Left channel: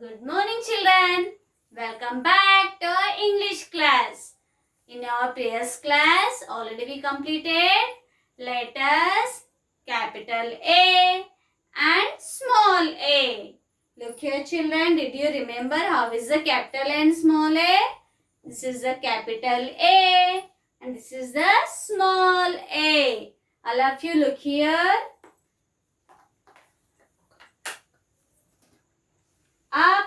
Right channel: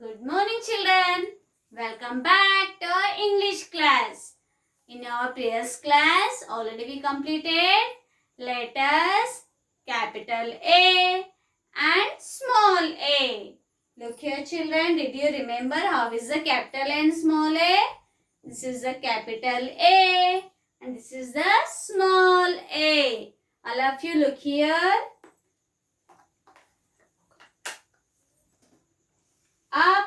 Good morning, children. Welcome back to our English class. In our previous class, already we completed letters capital A and small a. Look here, children. Did you remember how is the capital and small a? This is the capital A and this is the small a. All of you look here. Up,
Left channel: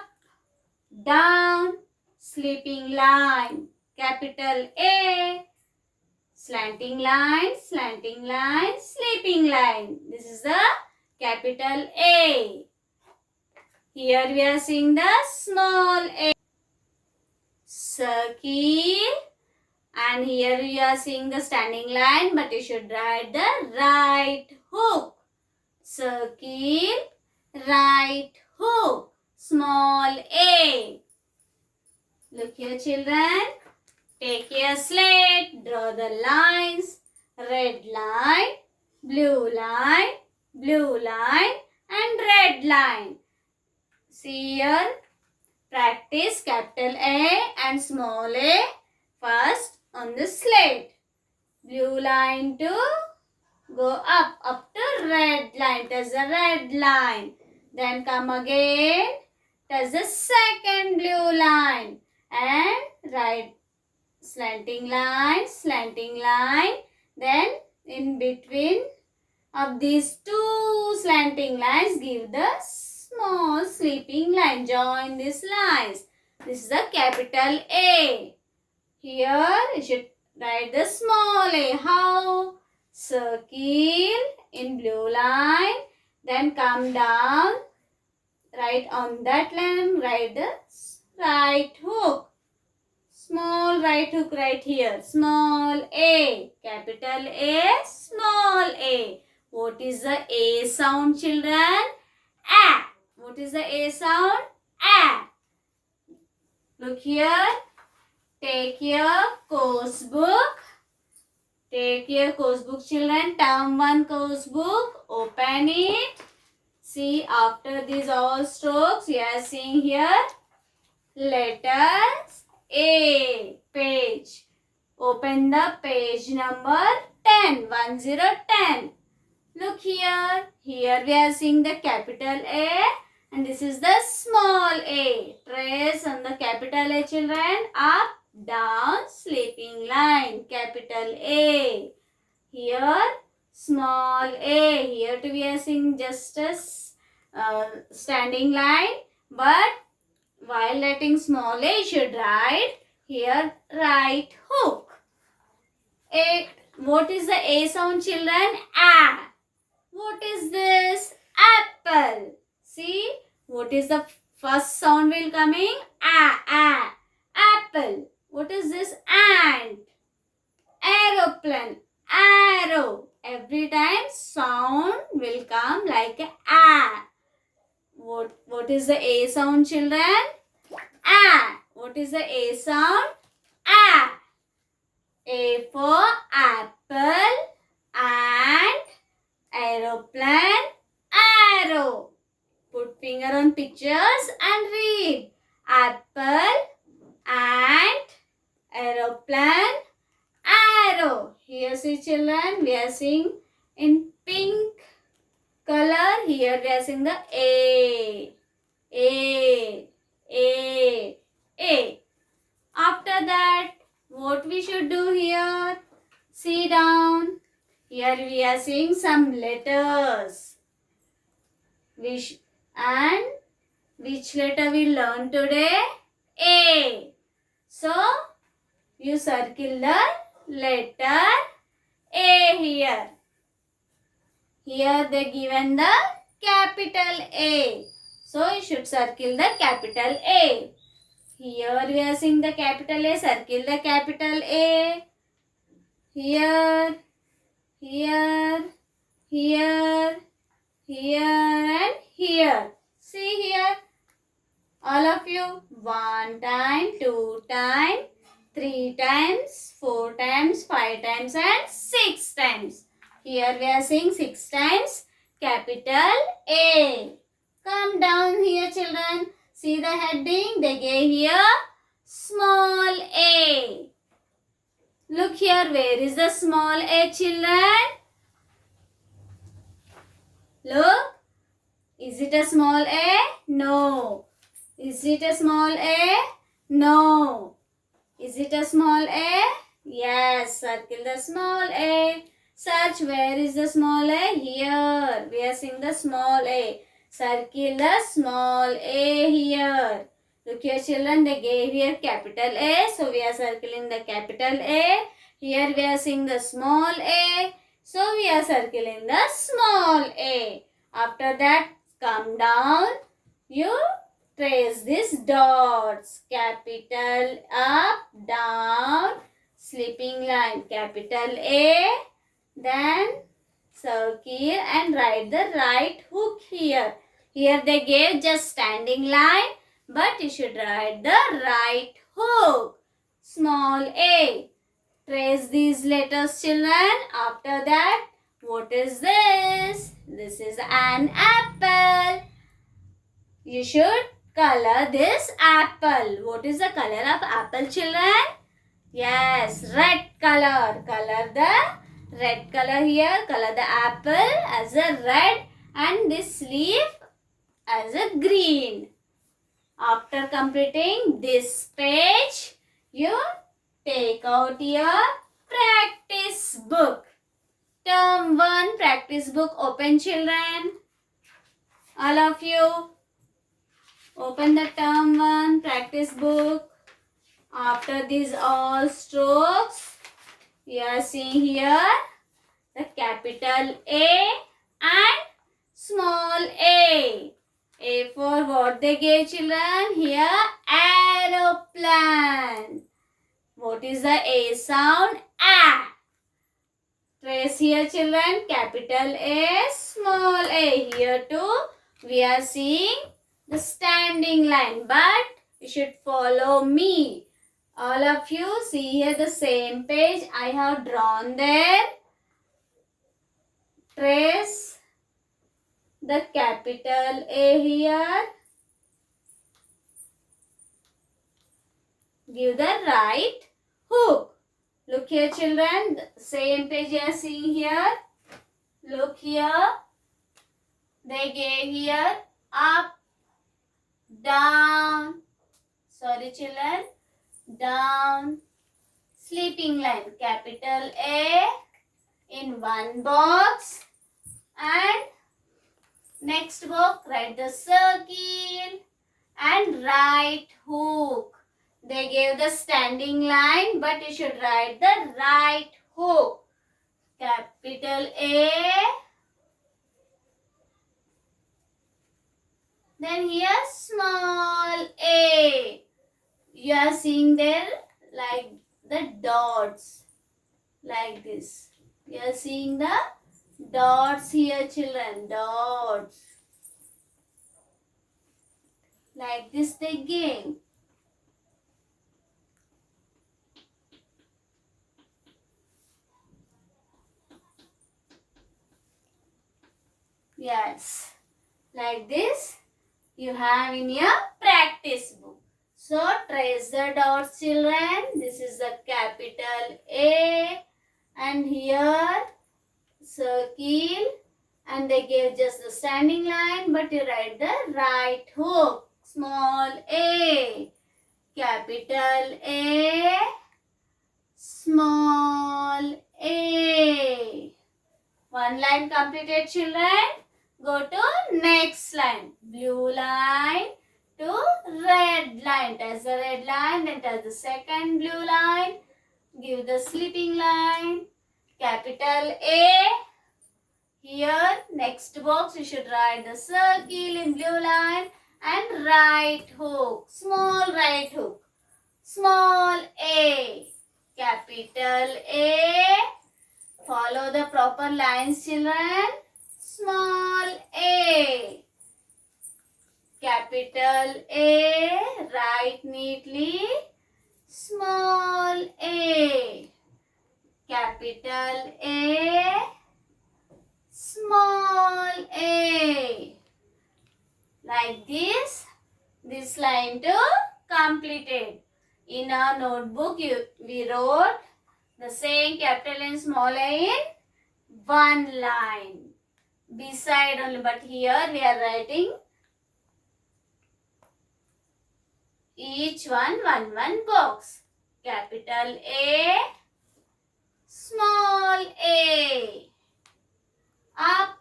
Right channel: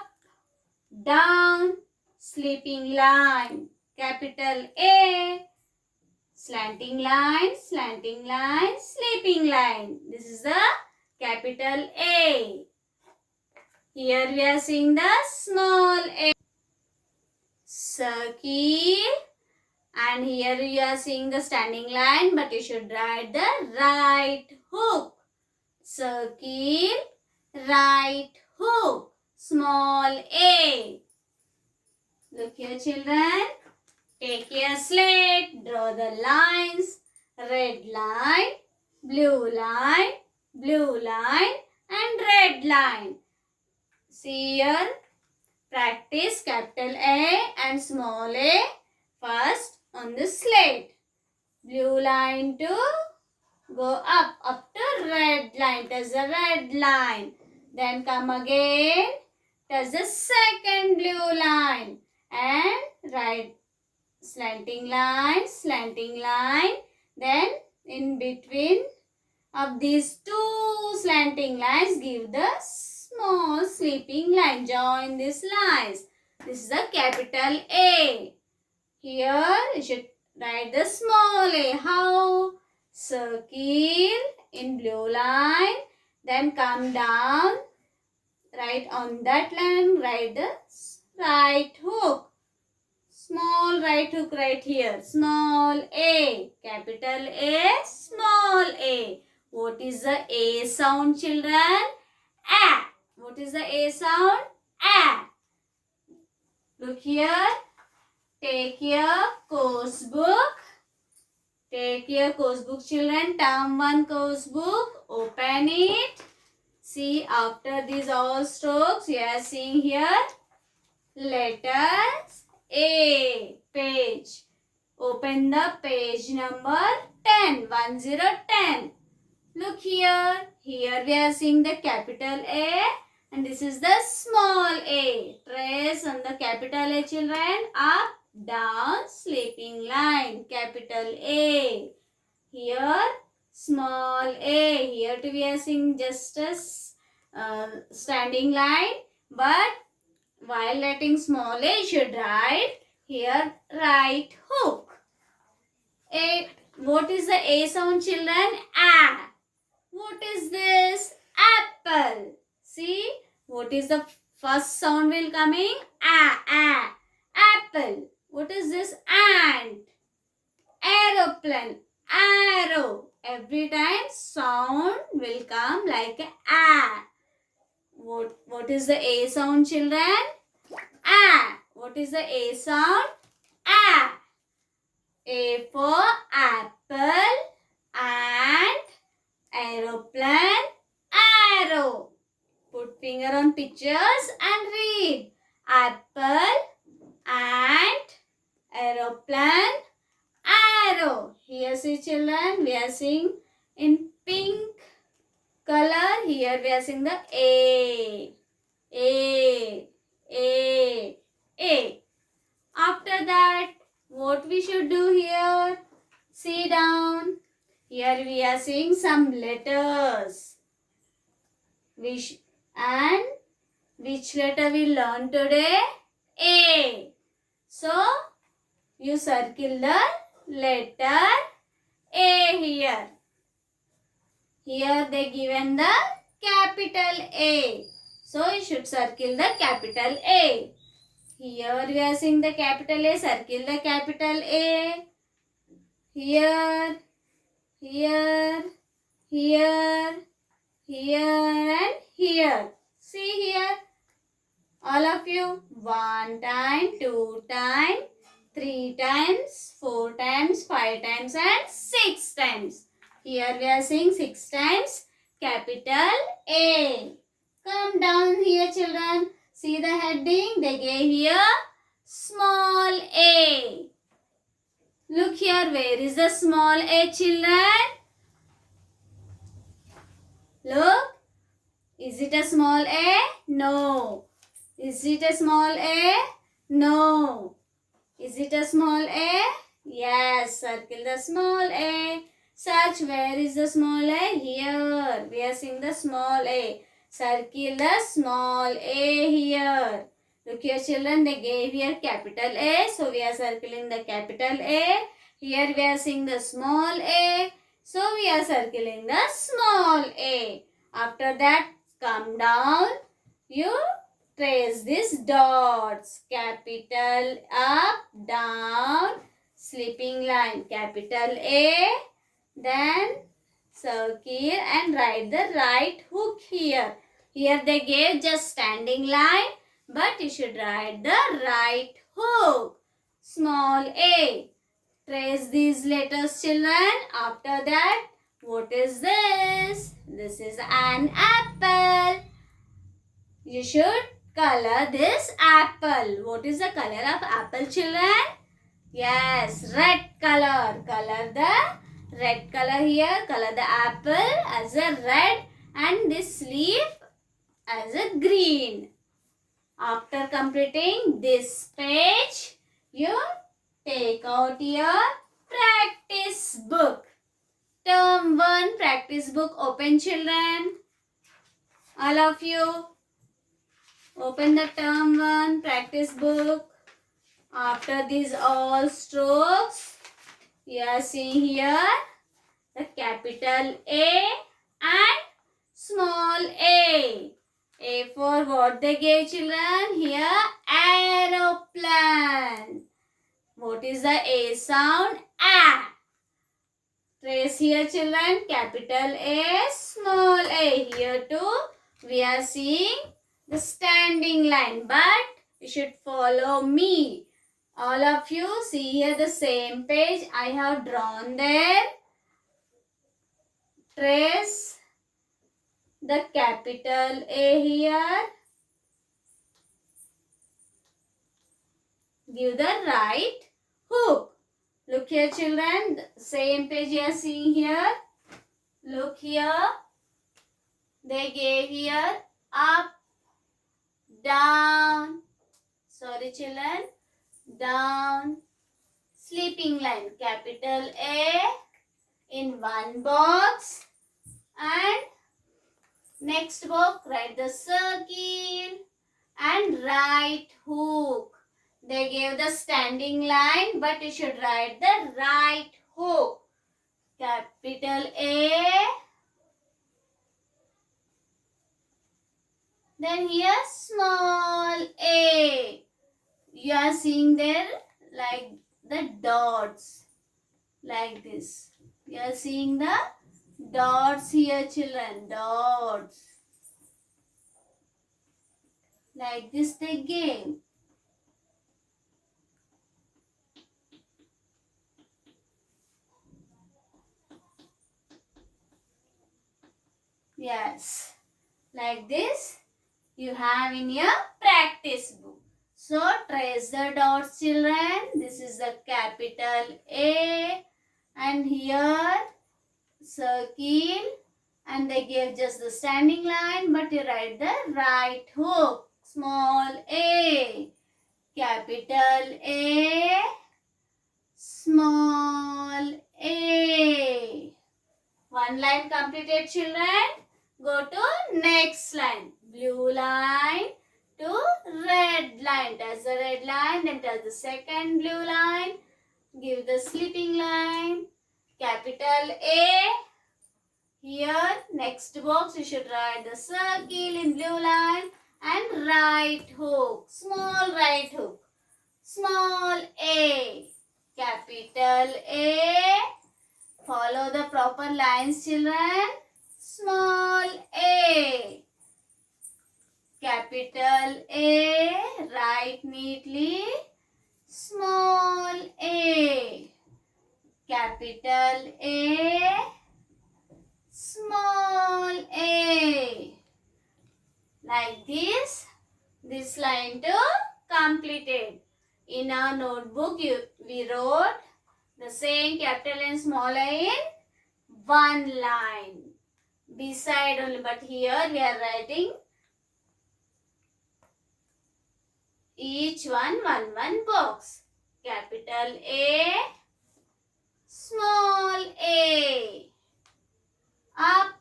down, sleeping line, capital A, slanting line, sleeping line. This is the capital A. Here we are seeing the small a, circle, and here you are seeing the standing line, but you should write the right hook. Circle, right hook, small a. Look here, children. Take your slate, draw the lines, red line, blue line, and red line. See here, practice capital A and small a first on the slate. Blue line to go up to red line, touch the red line. Then come again, touch the second blue line and write slanting line, then in between of these two slanting lines give the small sleeping line. Join these lines. This is the capital A. Here you should write the small a. How? Circle in blue line, then come down, right on that line, write the right hook. Small right hook right here. Small a. Capital A. Small a. What is the A sound, children? A. What is the A sound? A. Look here. Take your course book. Take your course book, children. Term 1 course book. Open it. See, after these all strokes, you are seeing here letters A page. Open the page number 10. 10. Look here. Here we are seeing the capital A and this is the small a. Trace on the capital A, children. Up, down, sleeping line. Capital A. Here small a. Here too we are seeing just a standing line, but while writing small a, you should write here right hook. A. What is the A sound, children? A. What is this? Apple. See, what is the first sound will coming? A. Apple. What is this? Ant. Aeroplane. Arrow. Every time sound will come like a. What is the A sound, children? A. What is the A sound? A. A for apple and aeroplane, arrow. Put finger on pictures and read. Apple and aeroplane, arrow. Here see, children, we are seeing in pink color. Here we are seeing the A. After that, what we should do here? See down. Here we are seeing some letters. Which letter we learn today? A. So, you circle the letter A here. Here they given the capital A. So, you should circle the capital A. Here we are seeing the capital A. Circle the capital A. Here, and here. See here. All of you. 1 time, 2 times, 3 times, 4 times, 5 times and 6 times. Here we are seeing 6 times capital A. Come down here, children. See the heading? They gave here small a. Look here, where is the small a, children? Look. Is it a small a? No. Is it a small a? No. Is it a small a? Yes. Circle the small a. Search where is the small a? Here. We are seeing the small a. Circle the small a here. Look here, children. They gave here capital A. So we are circling the capital A. Here we are seeing the small a. So we are circling the small a. After that, come down. You trace these dots. Capital up, down, sleeping line. Capital A. Then circle and write the right hook here. Here they gave just standing line, but you should write the right hook. Small a. Trace these letters, children. After that, what is this? This is an apple. You should color this apple. What is the color of apple, children? Yes, red color. Color the red color here. Color the apple as a red and this leaf as a green. After completing this page, you take out your practice book. Term 1 practice book. Open, children. All of you. Open the term 1 practice book. After these all strokes, you are seeing here the capital A and small a. A for what they gave, children? Here, aeroplane. What is the A sound? A. Trace here, children. Capital A, small a. Here too, we are seeing the standing line. But you should follow me. All of you see here the same page I have drawn there. Trace the capital A here. Give the right hook. Look here, children. The same page you are seeing here. Look here. They gave here up, down. Sorry, children. Down. Sleeping line. Capital A in one box. And next box, write the circle and right hook. They gave the standing line, but you should write the right hook. Capital A. Then here small a. You are seeing there like the dots. Like this. You are seeing the dots here, children. Dots. Like this they gave. Yes. Like this you have in your practice book. So trace the dots, children. This is the capital A. And here circle. And they gave just the standing line. But you write the right hook. Small a. Capital A. Small a. One line completed, children. Go to next line. Blue line to red line. Touch the red line. Then touch the second blue line. Give the sleeping line. Capital A. Here, next box, you should write the circle in blue line and right hook. Small right hook. Small a. Capital A. Follow the proper lines, children. Small a. Capital A. Write neatly. Small a. Capital A. Small a. Like this, this line to complete it. In our notebook, we wrote the same capital and small A in one line. Beside only, but here we are writing each one box. Capital A, small a. Up,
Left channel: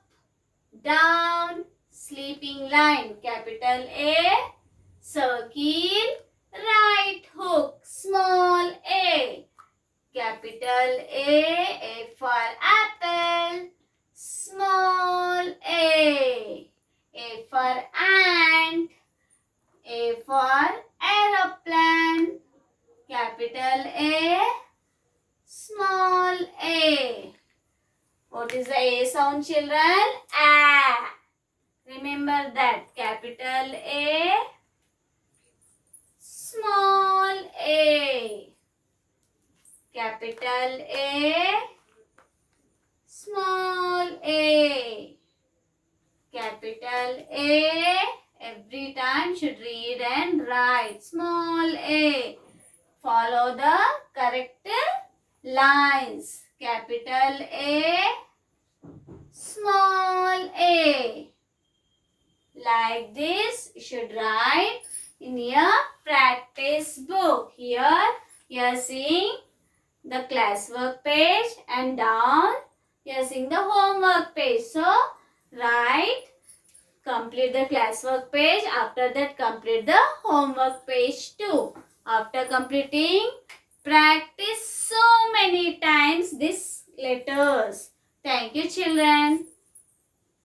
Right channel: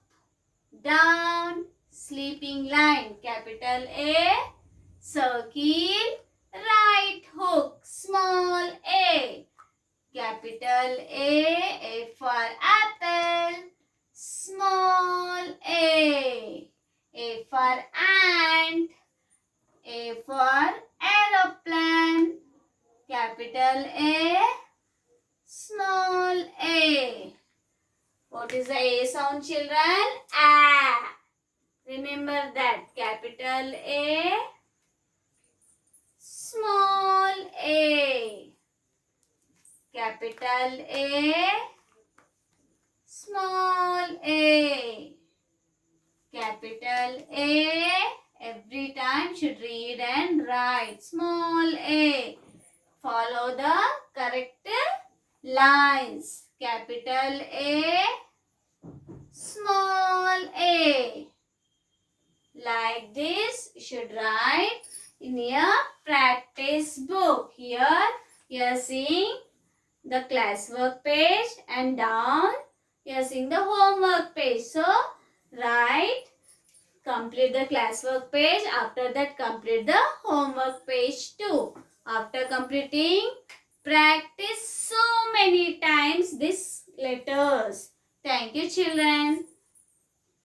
down, sleeping line. Capital A, circle, right hook, small a. Capital A for apple, small a. A for ant, A for aeroplane, capital A, small a. What is the A sound, children? A. Remember that. Capital A, small a. Capital A, small a. Capital A. Every time should read and write. Small a. Follow the correct lines. Capital A, small a. Like this, you should write in your practice book. Here, you are seeing the classwork page and down, you are seeing the homework page. So, write, complete the classwork page. After that, complete the homework page too. After completing, practice so many times these letters. Thank you, children.